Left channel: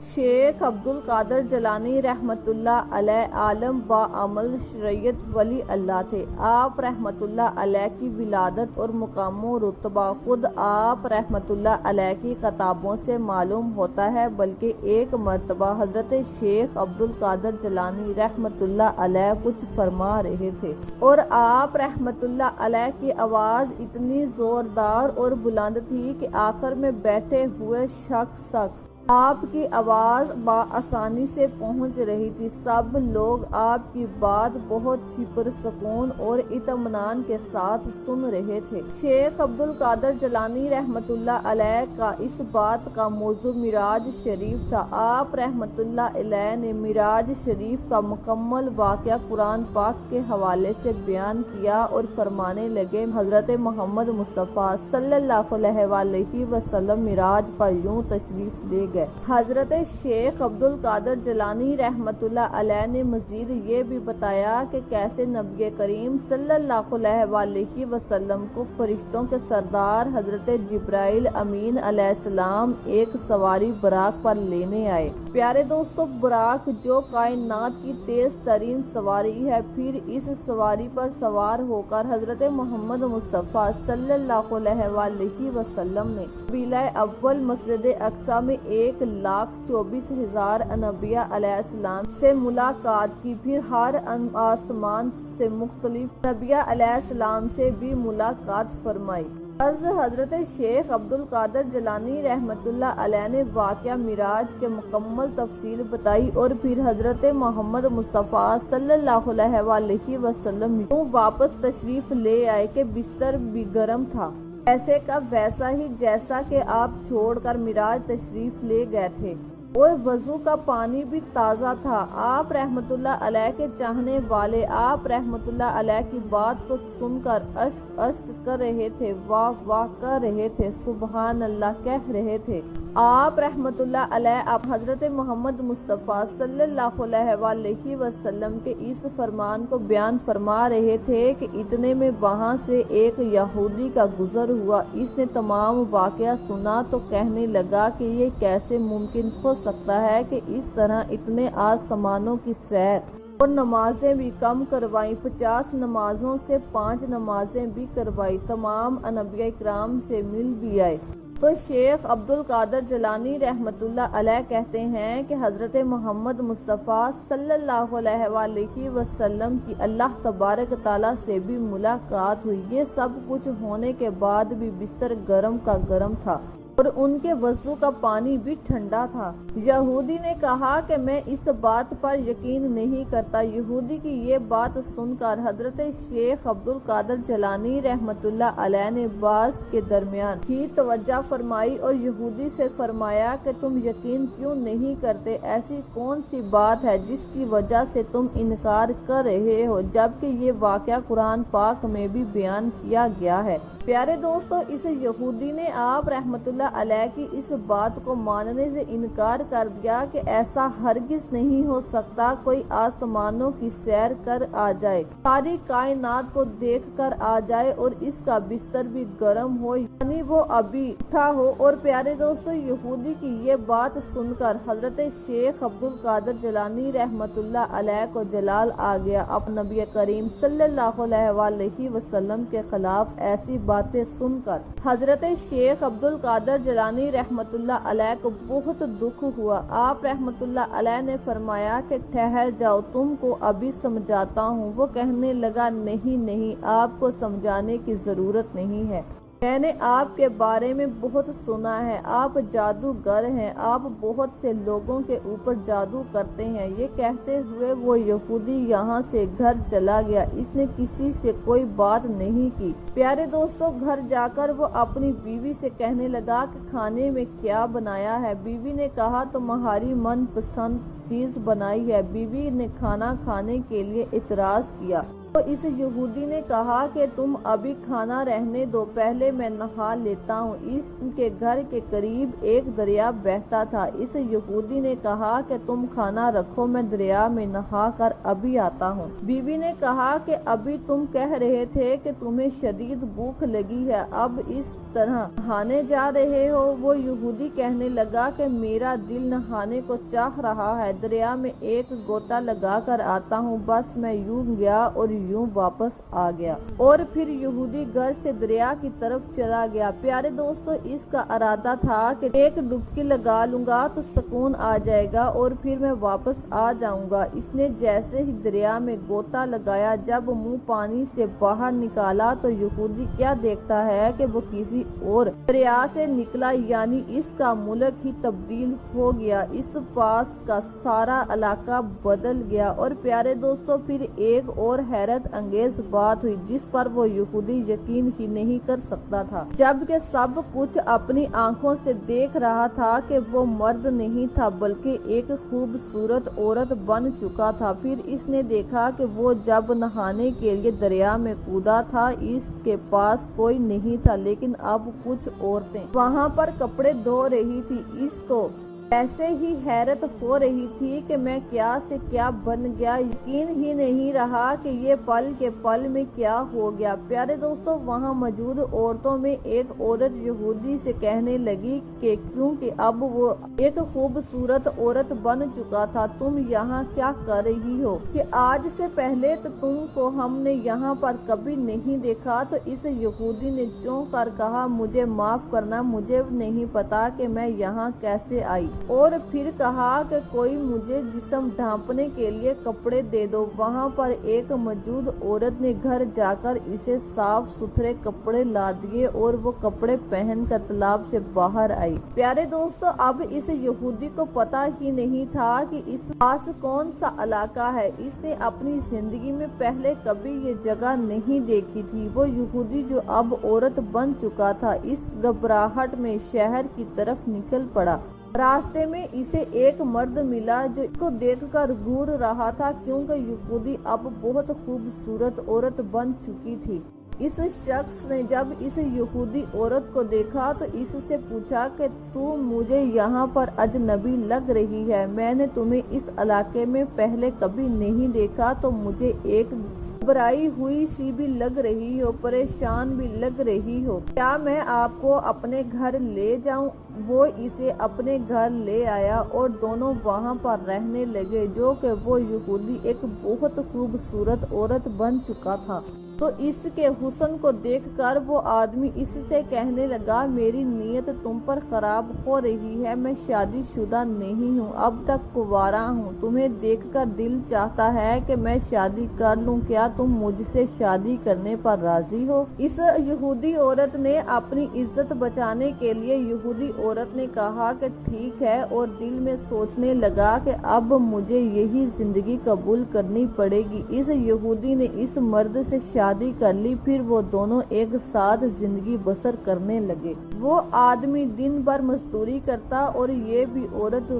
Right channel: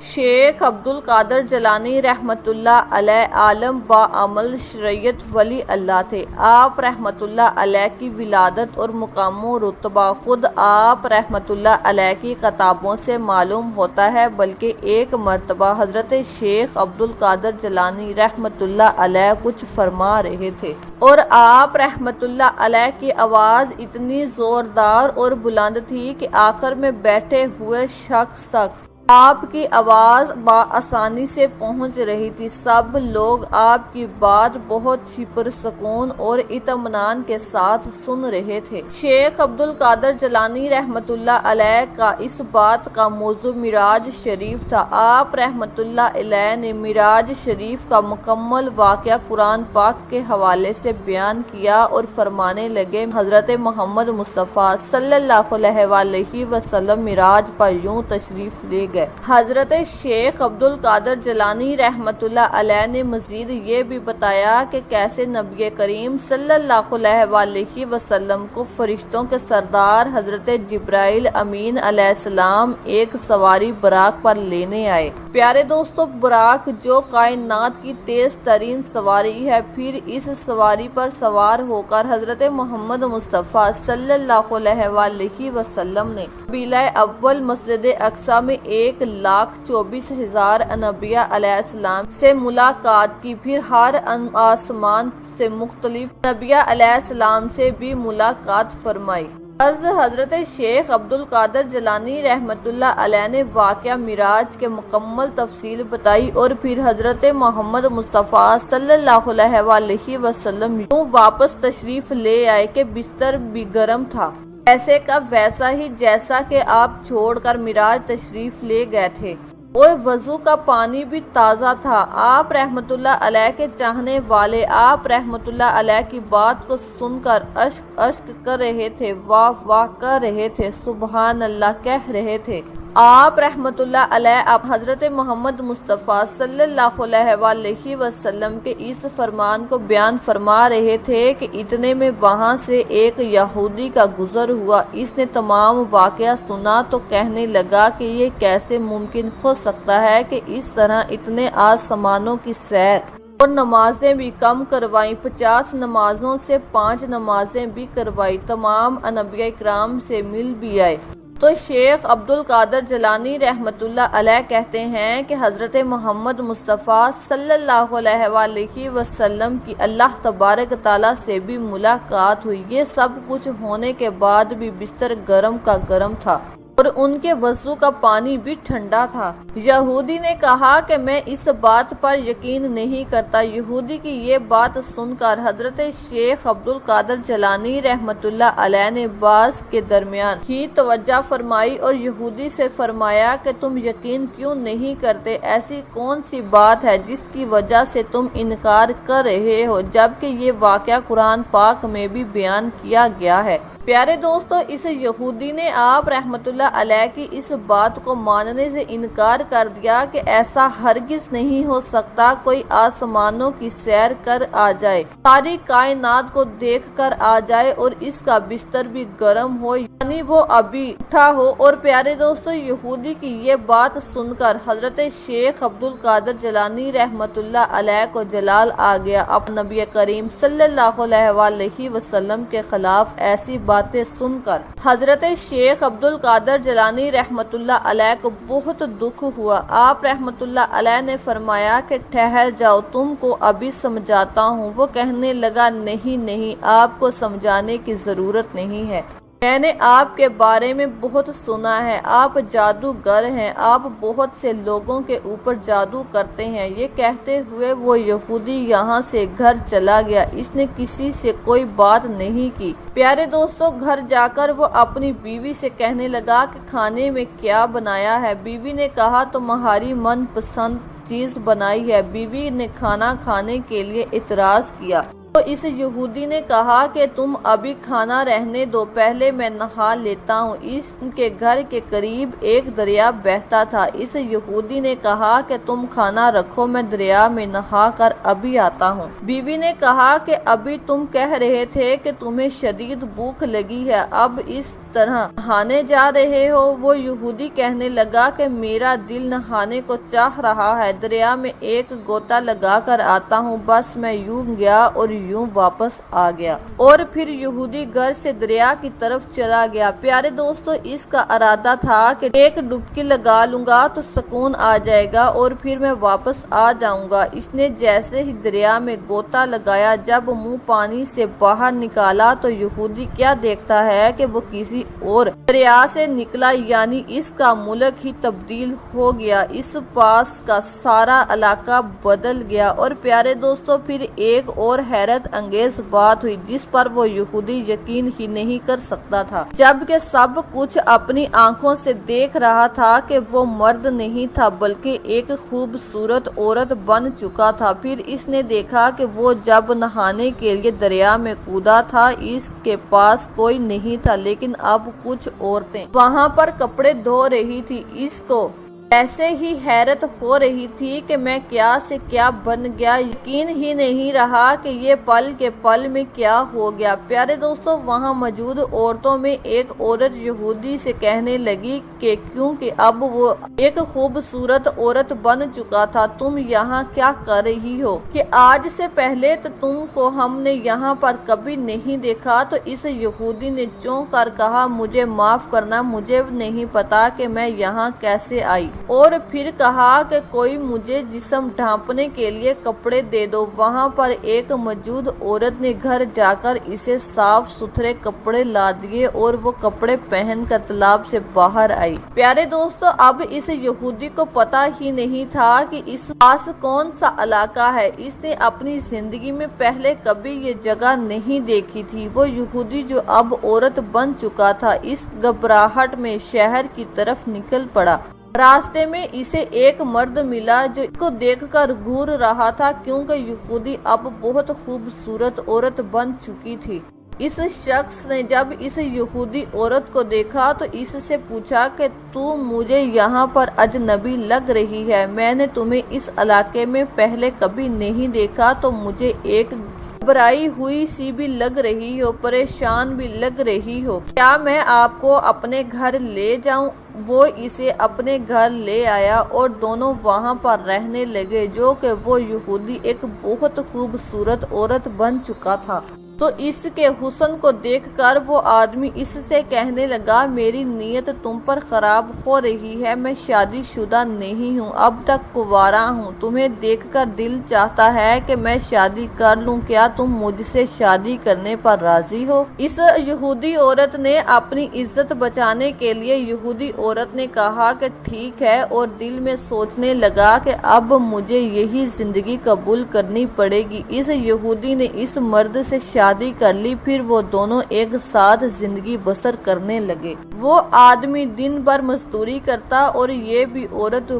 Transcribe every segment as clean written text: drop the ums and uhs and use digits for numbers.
شیخ عبدالقادر جیلانی رحمۃ اللہ علیہ عالم با عمل شریعت ولی اللہ تھے۔ آپ رحمۃ اللہ علیہ کی ولادت اور مقام و رتبہ خود آپ رحمۃ اللہ علیہ کی کتابوں سے معلوم ہوتا ہے، بلکہ ایک مرتبہ حضرت شیخ عبدالقادر جیلانی رحمۃ اللہ علیہ کچھ فرما رہے تھے اور آپ رحمۃ اللہ علیہ کی آواز اتنی زوردار اور بلند تھی کہ آخر میں بیٹھے ہوئے شخص تک آپ کی آواز بآسانی سے پہنچ رہی تھی۔ سب لوگ آپ کی بات بہت ہی پرسکون اور اطمینان کے ساتھ سن رہے تھے۔ شیخ عبدالقادر جیلانی رحمۃ اللہ علیہ کا اس بات کا موضوع معراج شریف تھا۔ آپ رحمۃ اللہ علیہ نے معراج شریف کا مکمل واقعہ قرآن پاک کے حوالے سے بیان کیا اور فرمانے لگے، حضرت محمد مصطفیٰ صلی اللہ علیہ وآلہ وسلم معراج پر یوں تشریف لے گئے۔ حضرت شیخ عبدالقادر جیلانی رحمۃ اللہ علیہ نے مزید یہ بھی بتایا کہ کیسے نبی کریم صلی اللہ علیہ وآلہ وسلم کو فرشتوں کے سردار حضرت جبرائیل امین علیہ السلام ایک سواری براق پر لینے آئے۔ پیارے دوستو، براق جو کائنات کی تیز ترین سواری ہے، پھر اس سواری پر سوار ہو کر حضرت محمد مصطفیٰ صلی اللہ علیہ وآلہ وسلم نے قبیلہ اول مسجد اقصی میں 1,24,000 انبیاء علیہ السلام سے ملاقات کی، پھر ہر آسمان سے مختلف انبیاء علیہ السلام سے بھی ملاقات فرمائی۔ حضرت شیخ عبدالقادر جیلانی رحمۃ اللہ علیہ نے واقعہ معراج کے مکمل تفصیل بتائی اور پھر حضرت محمد مصطفیٰ صلی اللہ علیہ وآلہ وسلم یوں واپس تشریف لے آئے کہ بستر بھی گرم تھا، ایسے کا ویسا ہی جیسا کہ آپ چھوڑ کر معراج تشریف لے گئے تھے، اور وضو کا پانی بھی تازہ تھا۔ آپ رحمۃ اللہ علیہ کے چاہنے والے آپ رحمۃ اللہ علیہ کی بات کو سن کر اشک کر رہے تھے، واہ واہ کر رہے تھے، سبحان اللہ کہہ رہے تھے۔ آپ رحمۃ اللہ علیہ اب حضرت محمد مصطفیٰ صلی اللہ علیہ وآلہ وسلم کے اس فرمان کو بیان فرما رہے تھے کہ اتنے میں وہاں سے ایک یہودی کا گزر ہوا۔ اس نے تمام واقعہ سنا تو کہنے لگا کہ یہ کیسے ممکن ہو سکتا ہے کہ اس طرح اتنے آسمانوں کی سیر اور نمازیں بھی کم کروائی، 50 نمازوں سے 5 نمازیں بھی کروائی، تمام انبیاء کرام سے مل بھی آئے۔ تو شیخ عبدالقادر جیلانی رحمۃ اللہ علیہ کہتے ہیں کہ حضرت محمد مصطفیٰ صلی اللہ علیہ وآلہ وسلم کی اللہ تبارک تعالیٰ سے بھی ملاقات ہوئی۔ یہ سب کچھ ہونے کے بعد بھی بستر گرم کا گرم تھا اور ان کے وضو کا پانی بھی ٹھنڈا تھا۔ یہودی نے کہا کہ میں اس بات پر یقین نہیں کرتا۔ یہودی کی یہ بات سن کر حضرت شیخ عبدالقادر جیلانی رحمۃ اللہ علیہ نے بعض کے درمیان ہی توجہ فرمائی اور یہودی سے فرمایا کہ تم یقین کیوں نہیں کرتے؟ ایسی کون سی بات ہے جس کی وجہ سے تم انکار کر رہے ہو، جبکہ یہ واقعہ قرآن پاک میں بھی بیان کیا گیا ہے۔ پیارے دوستو، اس یہودی نے آپ رحمۃ اللہ علیہ کی اس بات کو ماننے سے انکار کر دیا کہ ایسا ہرگز نہیں ہو سکتا کوئی آسمانوں کی سیر کر آ جائے، ساری کائنات کو دیکھ کر آ جائے اور اس کا بستر بھی گرم ہو، یعنی وہ ابھی اٹھا ہو۔ اور پیارے دوستو، یہودی کی یہ بات سن کر حضرت شیخ عبدالقادر جیلانی رحمۃ اللہ علیہ کو جلال آ گیا۔ اب نبی کریم صلی اللہ علیہ وآلہ وسلم کے خلاف ایسی باتیں سن کر حضرت شیخ عبدالقادر جیلانی رحمۃ اللہ علیہ کو بہت دکھ ہوا۔ آپ رحمۃ اللہ علیہ نے فرمایا کہ ٹھہر جاؤ، تم کو ابھی سمجھاتا ہوں۔ وہ کہنے لگا، نہیں، آپ کو سمجھانے کی ضرورت نہیں ہے، میں نے آپ کے بارے میں بہت سنا ہے، آپ جادوگر ہیں، آپ بہت سے لوگوں کے اوپر جادو کرتے ہیں۔ یہ کہتے ہوئے وہ یہودی یہاں سے گھر چلا گیا، اس نے کسی سے کوئی بات نہیں کی۔ پیارے دوستو، گھر جا کر وہ اپنی بیوی سے کہنے لگا کہ کھانے میں کیا بنایا ہے؟ بیوی نے کہا تمہاری من پسند چیز بنائی ہے۔ بیوی نے کھانا کھانے کے لیے اعتراض کیا تو اس یہودی نے کہا کہ تم ابھی کھانا رہنے دو، پہلے میں نہا لیتا ہوں۔ اس کے گھر کے قریب ایک دریا بہتا تھا۔ اس یہودی نے کہا کہ تم کھانا رکھو، میں دریا میں نہا کر ابھی آتا ہوں۔ بیوی نے کہا کہ ابھی تم کہہ رہے تھے کہ تمہیں شدید بھوک لگی ہے، اب اس طرح نہانے جا رہے ہو؟ وہ یہودی کہنے لگا کہ میرا دل نہانے کو چاہ رہا ہے، دریا میں ایک غوطہ لگا کر آتا ہوں۔ بس میں یوں گیا اور یوں واپس آ گیا، اور پھر یہودی گھر سے دریا کی طرف چلا گیا۔ پیارے دوستو، اس کا ارادہ تھا کہ ایک ڈبکی لگا لوں گا تو سکون آ جائے گا اور پھر میں واپس آ جاؤں گا۔ اس نے جیسے ہی دریا میں غوطہ لگایا، جب منہ پانی سے باہر نکالا تو یہودی کیا دیکھتا ہے کہ وہ کسی اور دریا سے نکلا، یعنی اس کا ملک ہی تبدیل ہو گیا، اس پاس کا سارا علاقہ بدل گیا۔ اور پیارے دوستو، پھر ایک اور حیرت انگیز بات ہوئی جس پر وہ یہودی یقین ہی نہیں کر سکتا تھا، جبکہ سب کچھ اپنی آنکھوں سے دیکھ رہا تھا کہ وہ مرد نہیں تھا بلکہ ایک خوبصورت عورت بن چکا تھا۔ پھر اس نے دیکھا کہ وہ جب نہانے کے لیے دریا میں کودا تھا، اس کے پاس کوئی نہیں تھا، لیکن اب کچھ عورتیں وہاں پر کپڑے دھو رہی تھی۔ اس کو ایسے ہی حیرت ہو رہی تھی کہ میں کیا سے کیا بن گیا، یقین ہی نہیں رہا کہ یہ پل کے پل میں کیا ہو گیا۔ پیارے دوستو، وہاں موجود عورتوں میں ایک عورت یہودی سے کہنے لگی کہ کیونکہ اب وہ ایک خوبصورت عورت بن چکا تھا، تم یہاں کیا کر رہی ہو کہ آج سے پہلے تو تم کو ہم نے یہاں پر کبھی نہیں دیکھا۔ تو اس یہودی نے چونک کر کہا، مجھے معاف کرنا، مجھے نہیں پتا کہ میں یہاں کیسے آئی، اور پھر کہا کہ کوئی مجھے جسم ڈھانپنے کے لیے کپڑے دے دو۔ وہاں پر ایک موجود عورت نے گھر جا کر اسے صاف ستھرے کپڑے لا دیے اور وہ کپڑے پہن کر تالاب سے باہر آئی۔ پیارے دوستو، اب اس یہودی کو پتا ہی نہیں تھا کہ اس پاس کون سا علاقہ ہے۔ اس نے اپنی زندگی میں پہلے کبھی یہ جگہ نہیں دیکھی تھی۔ وہ یہودی جو اب عورت بن چکا تھا، اس گھبراہٹ میں شہر کی طرف نکل پڑا۔ راستے میں اسے ایک مرد ملا جو اس کو دیکھ کر گھور رہا تھا، کیونکہ یہودی اب بہت خوبصورت عورت بن چکی تھی۔ اس شخص نے جب اس یہودی عورت کو دیکھا تو اس سے پوچھا کہ تو مجھے یہاں پر اجنبی لگ رہی ہے، میں نے تمہیں اس علاقے میں پہلے کبھی نہیں دیکھا، تو مجھے ایک گھبرائی ہوئی سی بھی لگ رہی ہو، پریشان بھی لگ رہی ہو، کیا میں آپ کو اپنے گھر لے جاؤں؟ وہ اسے اپنے گھر لے آیا اور دونوں وہاں پر رہنے لگے، جو کہ وہ یہودی ایک بہت خوبصورت عورت بن چکا تھا۔ تو اس کے حسن کو دیکھ کر وہ آدمی اس سے کہنے لگا، میری نیت تم پر خراب ہو رہی ہے، میں شادی شدہ نہیں ہوں، اب تک کنوارا ہوں، تمہیں دیکھ کر دل چاہتا ہے کہ میں شادی کر لوں، کیا تم مجھ سے شادی کرنے پر راضی ہو؟ اس یہودی عورت نے اپنی عزت بچانے کے لیے یہودی عورت نے کہا کہ ٹھیک ہے، اور دل میں سوچنے لگا کہ اب مجھے یہی زندگی قبول کرنی پڑے گی۔ اس یہودی نے اس مرد سے شادی کر لی، پھر وہ دونوں ایک ساتھ زندگی بسر کرنے لگے۔ وہ آدمی دن بھر مزدوری کرتا اور یہ بھی عورت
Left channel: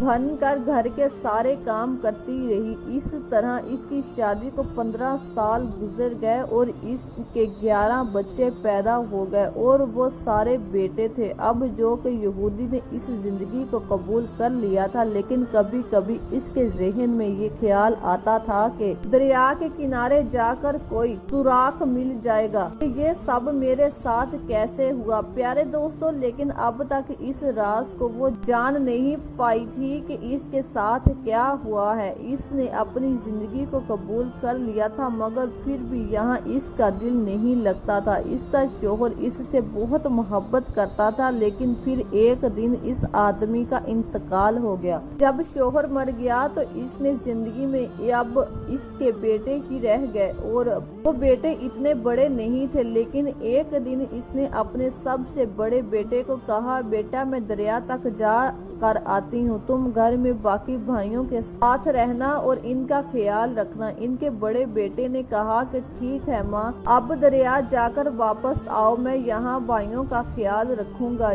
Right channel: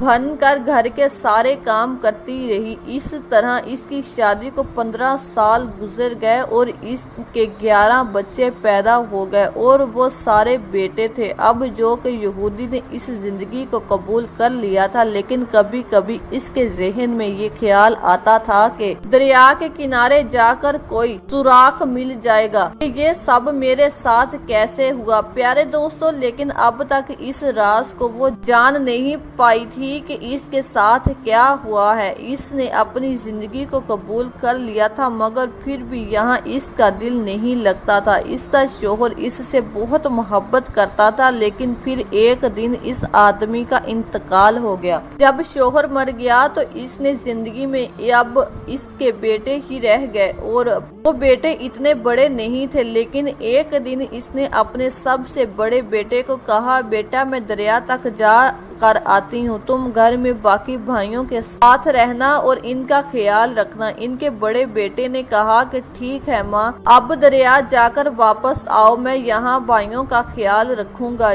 بن کر گھر کے سارے کام کرتی رہی۔ اس طرح اس کی شادی کو 15 سال گزر گئے اور اس کے 11 بچے پیدا ہو گئے، اور وہ سارے بیٹے تھے۔ اب جو کہ یہودی نے اس زندگی کو قبول کر لیا تھا، لیکن کبھی کبھی اس کے ذہن میں یہ خیال آتا تھا کہ دریا کے کنارے جا کر کوئی سوراخ مل جائے گا کہ یہ سب میرے ساتھ کیسے ہوا۔ پیارے دوستو، لیکن اب تک اس راز کو وہ جان نہیں پائی تھی کہ اس کے ساتھ کیا ہوا ہے۔ اس نے اپنی زندگی کو قبول کر لیا تھا، مگر پھر بھی یہاں اس کا دل نہیں لگتا تھا۔ اس کا شوہر اس سے بہت محبت کرتا تھا، لیکن پھر ایک دن اس آدمی کا انتقال ہو گیا۔ جب شوہر مر گیا تو اس نے زندگی میں اب اس کے بیٹے ہی رہ گئے، اور وہ بیٹے اتنے بڑے نہیں تھے، لیکن ایک دن اس نے اپنے سب سے بڑے بیٹے کو کہا، بیٹا میں دریا تک جا کر آتی ہوں، تم گھر میں باقی بھائیوں کے ساتھ رہنا اور ان کا خیال رکھنا۔ ان کے بڑے بیٹے نے کہا کہ ٹھیک ہے ماں، اب دریا جا کر واپس آؤ، میں یہاں بھائیوں کا خیال رکھوں گا۔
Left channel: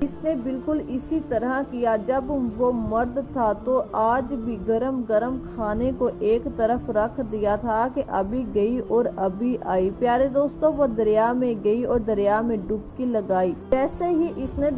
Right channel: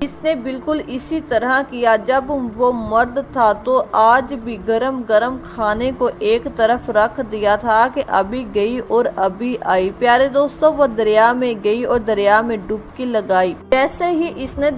اس نے بالکل اسی طرح کیا۔ جب وہ مرد تھا تو آج بھی گرم گرم کھانے کو ایک طرف رکھ دیا تھا کہ ابھی گئی اور ابھی آئی۔ پیارے دوستو، وہ دریا میں گئی اور دریا میں ڈبکی لگائی۔ جیسے ہی اس نے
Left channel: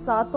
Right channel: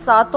7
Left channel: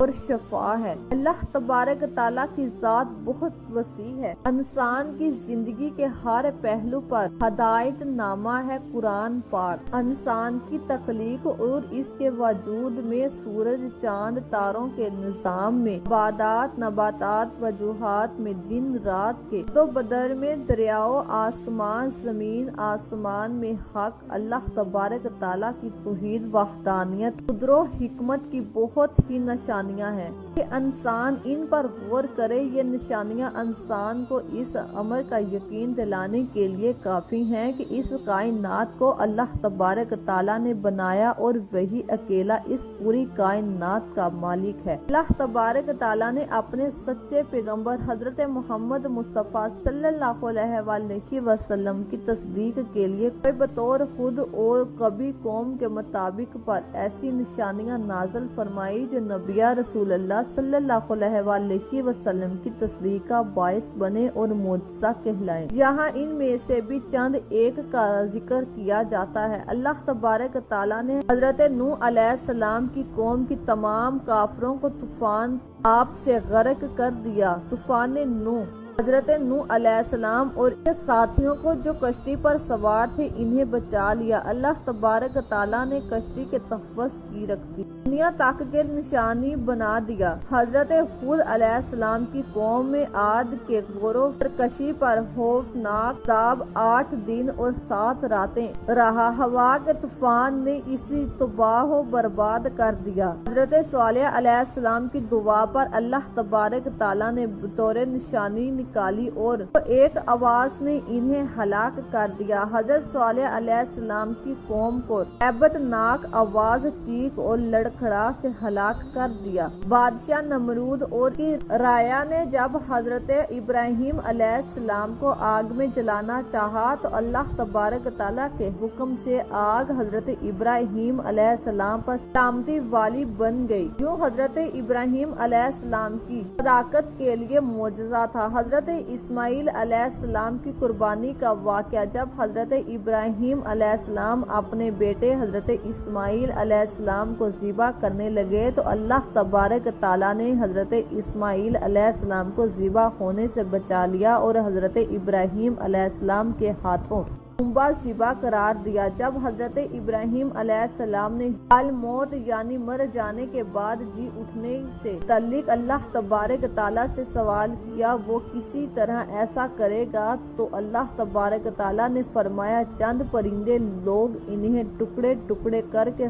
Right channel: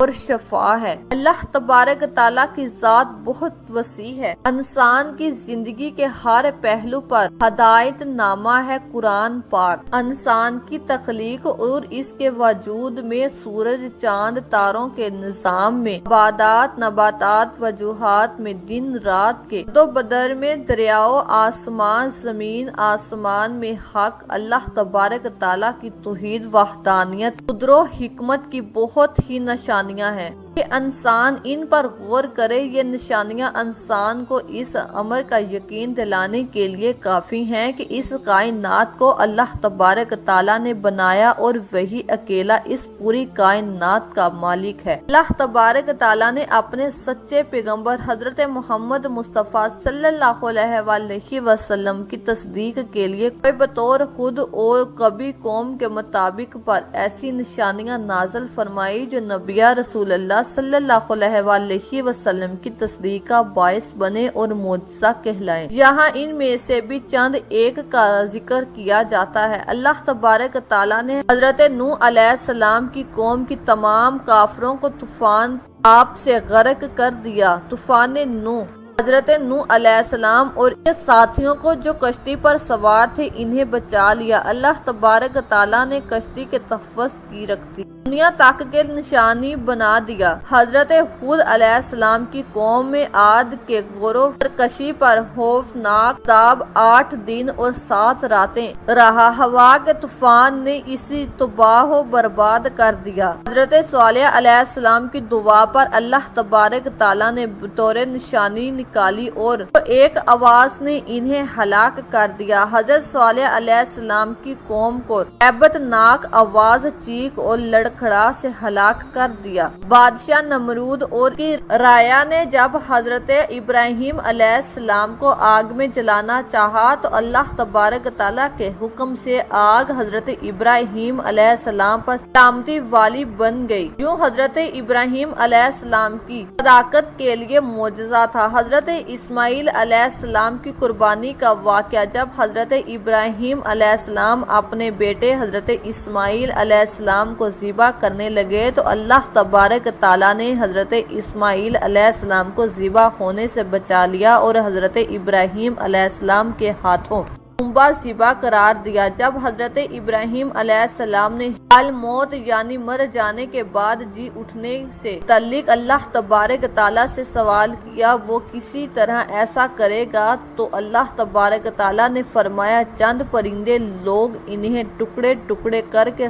اور شفا ہے۔ اللہ تبارک تعالیٰ کی ذات بہت وسیع ہے۔ انسان کی زندگی کے ہر پہلو پر ہدایت نامہ ہے قرآن پاک۔ انسان کی تخلیق اور اس کے وجود میں سورج، چاند، تاروں کے نظام میں، عبادات، نباتات، وجوہات میں، دن رات کے دو بدر میں، دریاؤں، آسمان زمین، آسمان میں حق اللہ تبارک تعالیٰ کی توحید، وحدانیت، قدرت و حکمت کی بہت ہی نشانیاں ہیں کہ انسان ان پر غور کرے۔ یہ نشانیاں انسان کو اس امر کا یقین دلانے کے لیے کافی ہیں کہ اس کائنات کو اللہ تبارک تعالیٰ نے بنایا اور وہی اکیلا اس پوری کائنات کا مالک ہے۔ اللہ تبارک تعالیٰ نے اپنے سچے پیغمبر حضرت محمد مصطفیٰ صلی اللہ علیہ وآلہ وسلم کی تصدیق کے لیے کوئی بطور خود اور کبھی قوم کے مطابق پر ایسی نشانیاں نازل فرمائی جو نبی رسول اللہ صلی اللہ علیہ وآلہ وسلم کی تصدیق کا باعث بنے اور معجزہ کہلائیں۔ یہاں ان میں سے بھی چند ایک کا ذکر کیا جاتا ہے۔ اللہ تبارک تعالیٰ نے حضرت نوح علیہ السلام کی قوم کی تمام کافروں کو طوفان آپ سے غرق کر دیا۔ طوفان نوح حضرت نوح علیہ السلام اور ان کے ساتھیوں کو جو کشتی پر سوار تھے انہیں بچا لیا۔ اللہ تبارک تعالیٰ نے کشتی کے تحفظ کی رکھتی دنیا تک کے نشانی بنا دیا۔ حضرت ہود علیہ السلام کی قوم میں عاد کے گروہ سرکشی پر خوفناک عذاب 8 دن اور 7 راتیں رہا۔ ہوا کے طوفان نے اسے تباہ و برباد کر دیا۔ حضرت صالح علیہ السلام کی دعا پر اللہ تبارک تعالیٰ نے بطور نشانی نکالی اور ایک آواز نے انہیں ہلاک کر دیا۔ حضرت صالح علیہ السلام کی قوم کو ہیبت ناک آواز، چیخ اور لڑکھڑا سے ہلاک کر دیا۔ بادشاہ نمرود اور کی رایا نے جب حضرت ابراہیم علیہ السلام کو آگ میں جلانا چاہا تو اللہ تبارک تعالیٰ کے حکم سے آگ حضرت ابراہیم علیہ السلام پر سلامتی والی بن گئی، جو حضرت ابراہیم علیہ السلام کی صداقت کے لیے معجزہ تھا۔ حضرت اسماعیل علیہ السلام کی قربانی کا واقعہ جب حضرت ابراہیم علیہ السلام اپنے بیٹے حضرت اسماعیل علیہ السلام کو ذبح کرنے لگے تو اللہ تبارک تعالیٰ نے حضرت اسماعیل علیہ السلام کو ذبح ہونے سے بچا لیا اور حضرت ابراہیم علیہ السلام کے ہاتھوں خونبہ ذبح قرار دیا۔ جب حضرت ابراہیم علیہ السلام نے حال موت یعنی مر جانے کے بعد جی اٹھنے سے متعلق اللہ تبارک تعالیٰ سے سوال کیا وہ کسی طرح ایسا کرے گا تو اللہ تبارک تعالیٰ نے فرمایا چند پرندے لوگ انہیں ٹکڑے ٹکڑے کر کے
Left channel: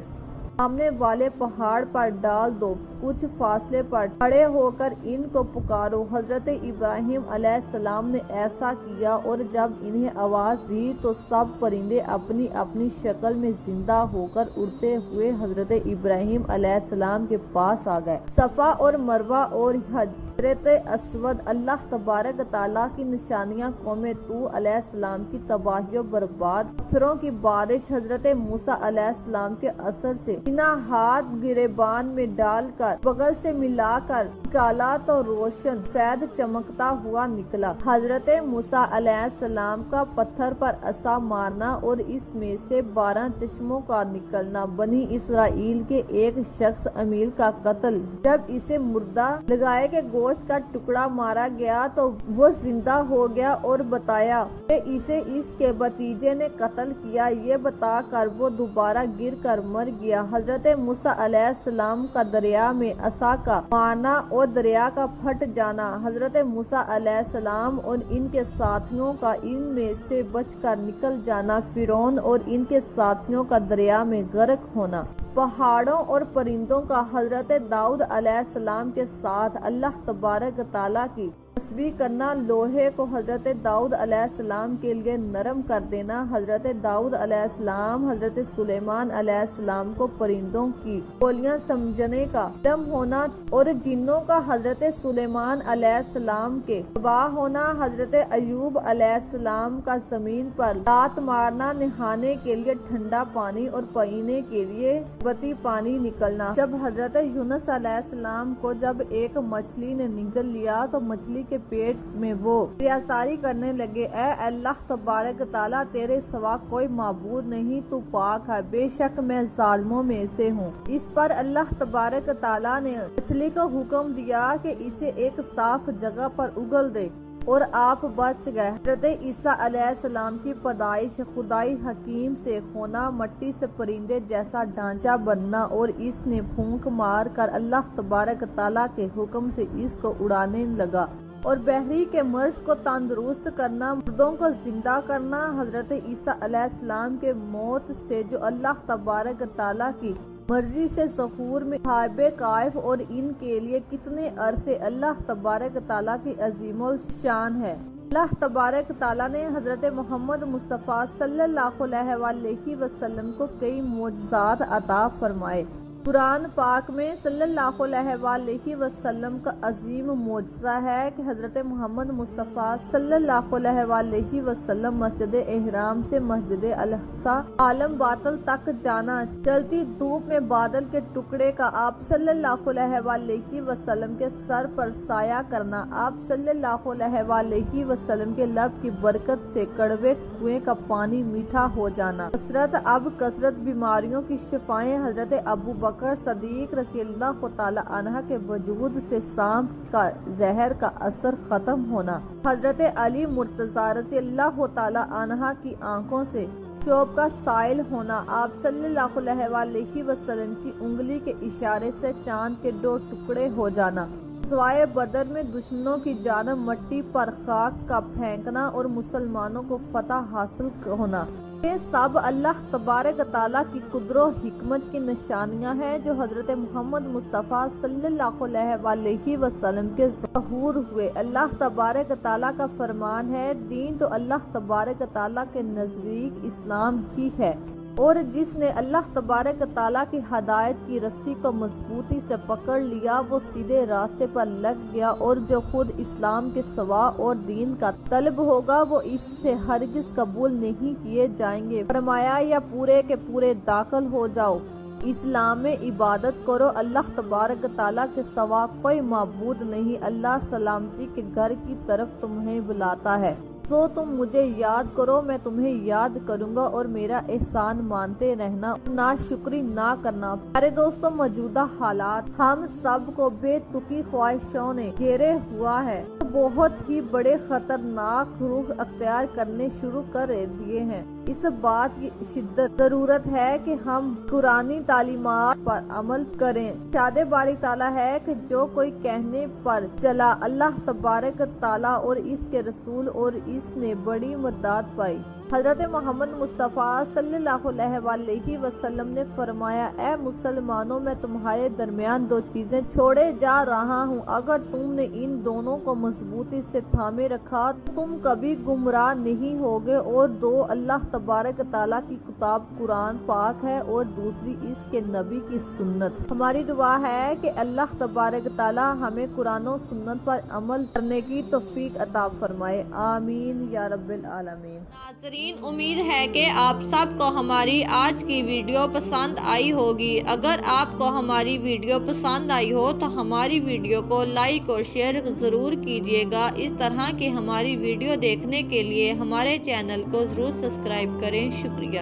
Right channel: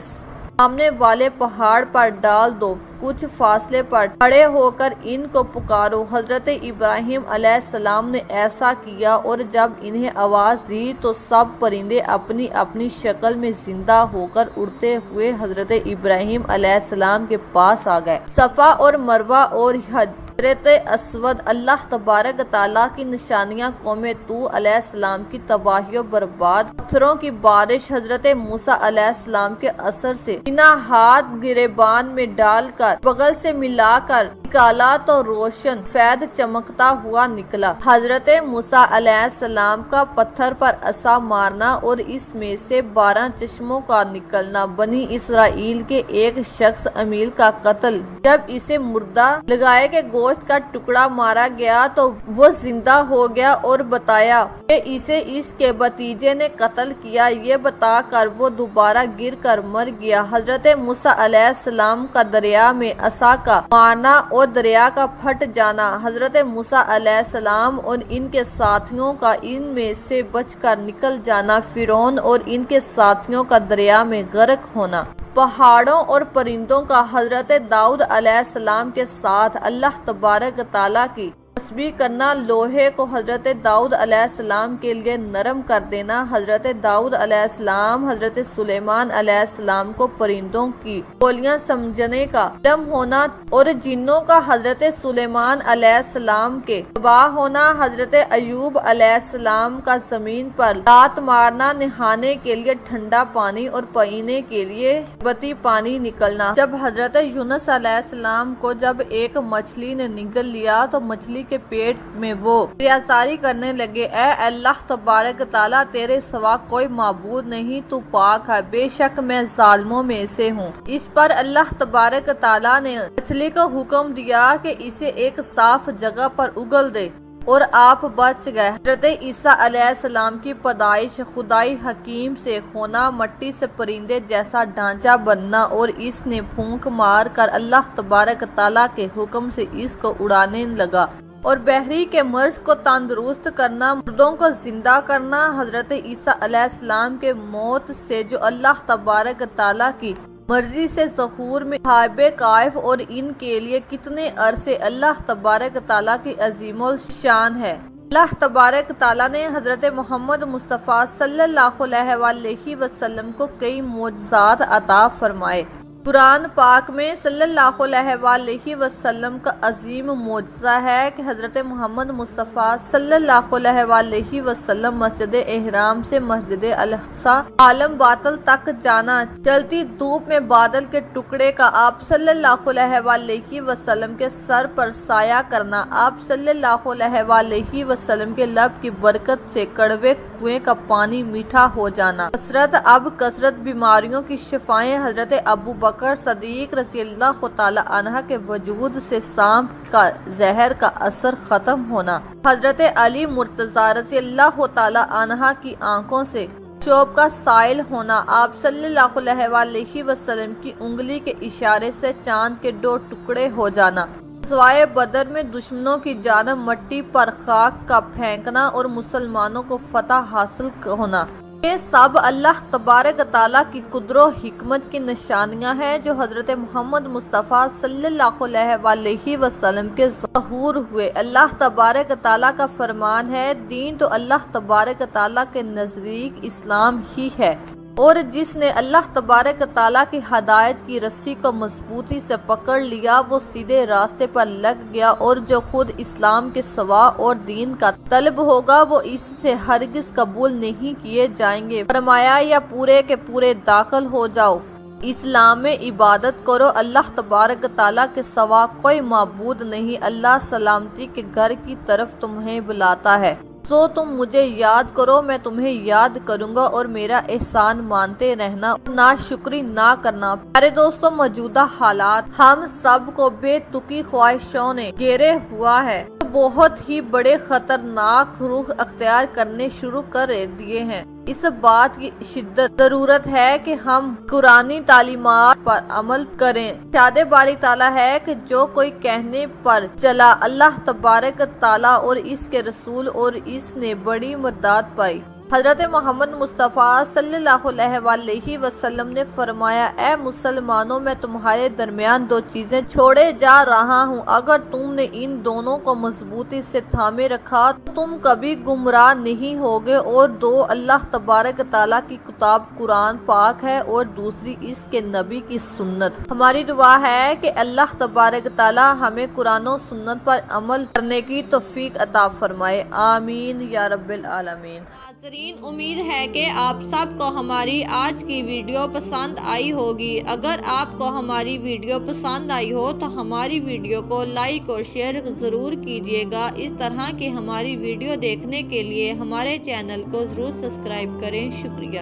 سامنے والے پہاڑ پر ڈال دو، کچھ فاصلے پر کھڑے ہو کر ان کو پکارو۔ حضرت ابراہیم علیہ السلام نے ایسا کیا اور جب انہیں آواز دی تو سب پرندے اپنی اپنی شکل میں زندہ ہو کر اڑتے ہوئے حضرت ابراہیم علیہ السلام کے پاس آ گئے۔ صفا اور مروہ اور حجرت اسود اللہ تبارک تعالیٰ کی نشانیاں، قوم طوع علیہ السلام کی تباہی و برباد، پتھروں کی بارش، حضرت موسیٰ علیہ السلام کے اثر سے بنا ہاتھ گریبان میں ڈال کر بغل سے ملا کر نکالا تو روشن فید چمکتا ہوا نکلا۔ حضرت موسیٰ علیہ السلام کا پتھر پر عصا مارنا اور اس میں سے 12 چشموں کا نکلنا، بنی اسرائیل کے ایک شخص امیل کا قتل، جب اسے مردہ لگائے کے گوشت کا ٹکڑا مارا گیا تو وہ زندہ ہو گیا اور بتایا کہ اسے اس کے بھتیجے نے قتل کیا، یہ بتا کر وہ دوبارہ گر کر مر گیا۔ حضرت موسیٰ علیہ السلام کا دریا میں عصا کا مارنا اور دریا کا پھٹ جانا، حضرت موسیٰ علیہ السلام اور ان کے ساتھیوں کا ان میں سے بچ کر نکل جانا، فرعون اور ان کے ساتھیوں کا دریا میں غرق ہونا، پہاڑوں اور پرندوں کا حضرت داؤد علیہ السلام کے ساتھ اللہ تبارک تعالیٰ کی تسبیح کرنا، لوہے کو حضرت داؤد علیہ السلام کے لیے نرم کر دینا، حضرت داؤد علیہ السلام حضرت سلیمان علیہ السلام کو پرندوں کی بولیاں سمجھنے کا علم ہونا اور جنوں کا حضرت سلیمان علیہ السلام کے تباہ ہونا، حضرت ایوب علیہ السلام کا زمین پر لات مارنا، نہانے کے لیے ٹھنڈا پانی اور پینے کے لیے بتی پانی نکلنا، جب حضرت یونس علیہ السلام کو جب ایک مچھلی نے نگل لیا تو مچھلی کے پیٹ میں وہ ریاضاری کرنے لگے، اے اللہ تبارک تعالیٰ تیرے سوا کوئی معبود نہیں، تو پاک ہے، بے شک میں ظالموں میں سے ہوں۔ اس پر اللہ تبارک تعالیٰ نے مچھلی کو حکم دیا کہ اسے ایک صاف جگہ پر اگل دے اور آپ بچ گئے۔ حضرت عیسیٰ علیہ السلام کی پیدائش خدائی حکیم سے ہونا، مٹی سے پرندے جیسا ڈھانچہ بننا اور اس نے پھونک مار کر اللہ تبارک تعالیٰ کے حکم سے اس کو اڑانے لگا، اور بحری کے مرض کو تندرست کرنا، مردوں کو زندہ کرنا۔ حضرت عیسیٰ علیہ السلام کے موت سے جو اللہ تبارک تعالیٰ کی مرضی سے ظہور میں حائب کائف، اور ان کے لیے کتنے عرصے اللہ تبارک تعالیٰ کی عظیم الشان ہے۔ اللہ تبارک تعالیٰ نے حضرت محمد مصطفیٰ صلی اللہ علیہ وآلہ وسلم کو کئی معجزات عطا فرمائے۔ قرآن پاک میں صلی اللہ علیہ وآلہ وسلم کا عظیم معجزہ ہے کہ حضرت محمد مصطفیٰ صلی اللہ علیہ وآلہ وسلم مسجد احرام سے مسجد الاقصی عالم باطل تک جانا، چلتی دھوپ میں بادل کے ٹکڑے کا آپ صلی اللہ علیہ وآلہ وسلم کے سر پر سایہ کرنا، آپ صلی اللہ علیہ وآلہ وسلم کے لب کی برکت سے کڑوے کنویں کا پانی میٹھا ہو جانا، کثرت بیماریوں کی شفائیں، حضرت ابو بکر صدیق رضی اللہ تعالی عنہ کے وجود سے سانپ کا زہر کا اثر ختم ہونا، حضرت علی مرتضی رضی اللہ تعالی عنہ کی آنکھوں سے شوب کا سائل ہونا، آپ صلی اللہ علیہ وآلہ وسلم کی انگلی کے اشارے سے چاند کے 2 ٹکڑے ہو جانا، غزوہ بدر میں دشمنوں کی جانب مٹی پر خاک کا پھینکنا اور مسلمانوں کو فتح حاصل ہونا، یہ سب اللہ تبارک تعالیٰ کی قدرت و حکمت کی نشانیاں ہیں جو حضرت محمد مصطفیٰ صلی اللہ علیہ وآلہ وسلم کے ظہور ہوئے۔ اللہ تبارک تعالیٰ کا فرمان ہے، دین تو اللہ تبارک تعالیٰ کے نزدیک اسلام ہی ہے، اور جس نے اللہ تبارک تعالیٰ کی ہدایت کی رسی کو مضبوطی سے پکڑ لیا وہ سیدھے راستے پر لگ گیا، اور جو خود اسلام کے سوا اور دین کا طلب ہوگا وہ اس سے ہرگز قبول نہیں کیے جائیں گے۔ فرمایا، یا پورے کے پورے داخل ہو جاؤ، اسلام میں عبادت کرو، اللہ تبارک تعالیٰ کے سوا کوئی معبود نہیں، اللہ سلامتی کے گھر کی طرف تمہیں بلاتا ہے، سو تم مجھے یاد کرو، میں تمہیں یاد کروں گا، اور میرا احسان مانتے رہنا، ناشکری نہ کرنا۔ پیارے دوستوں، موجودہ حالات ہم سب کو بے تکی خواہشوں نے گھیرے ہوا ہے، بہت ہی بڑے خطرناک رخ اختیار کرنے شروع کر دیے ہیں۔ اس بات کی شدت ضرورت ہے کہ ہم قرآنی تعلیمات پر عمل کریں۔ ارشاد باری تعالیٰ ہے کہ جو کوئی کہنے پر چلا اللہ تبارک تعالیٰ اور اس کے رسول، اور اس نے بڑی مدد پائی۔ حضرت محمد مصطفیٰ صلی اللہ علیہ وآلہ وسلم نے فرمایا، اے مسلمانوں، میں تمہارے درمیان 2 چیزیں چھوڑے جا رہا ہوں، اگر تم نے ان دونوں کو مضبوطی سے تھامے رکھا تو تم کبھی گمراہ نہیں ہوگے، اور 2 اللہ تبارک تعالیٰ کی کتاب قرآن پاک ہے، اور دوسری اس کے نبی کی سنت۔ ہماری دعا ہے کہ اللہ تبارک تعالیٰ ہمیں قرآن و سنت پر عمل کرنے کی توفیق عطا فرمائے، آمین یا رب العالمین۔ ناظرین، امید ہے کہ آپ سب کو ہماری آج کی ویڈیو پسند آئی ہوگی۔ اگر آپ کو ہماری ویڈیو پسند آئی ہو تو ہماری ویڈیو کو لائک اور شیئر ضرور کیجیے گا۔ اس طرح کی ہماری ویڈیو دیکھنے کے لیے ہمارے چینل کو ضرور سبسکرائب کریں۔ شکریہ۔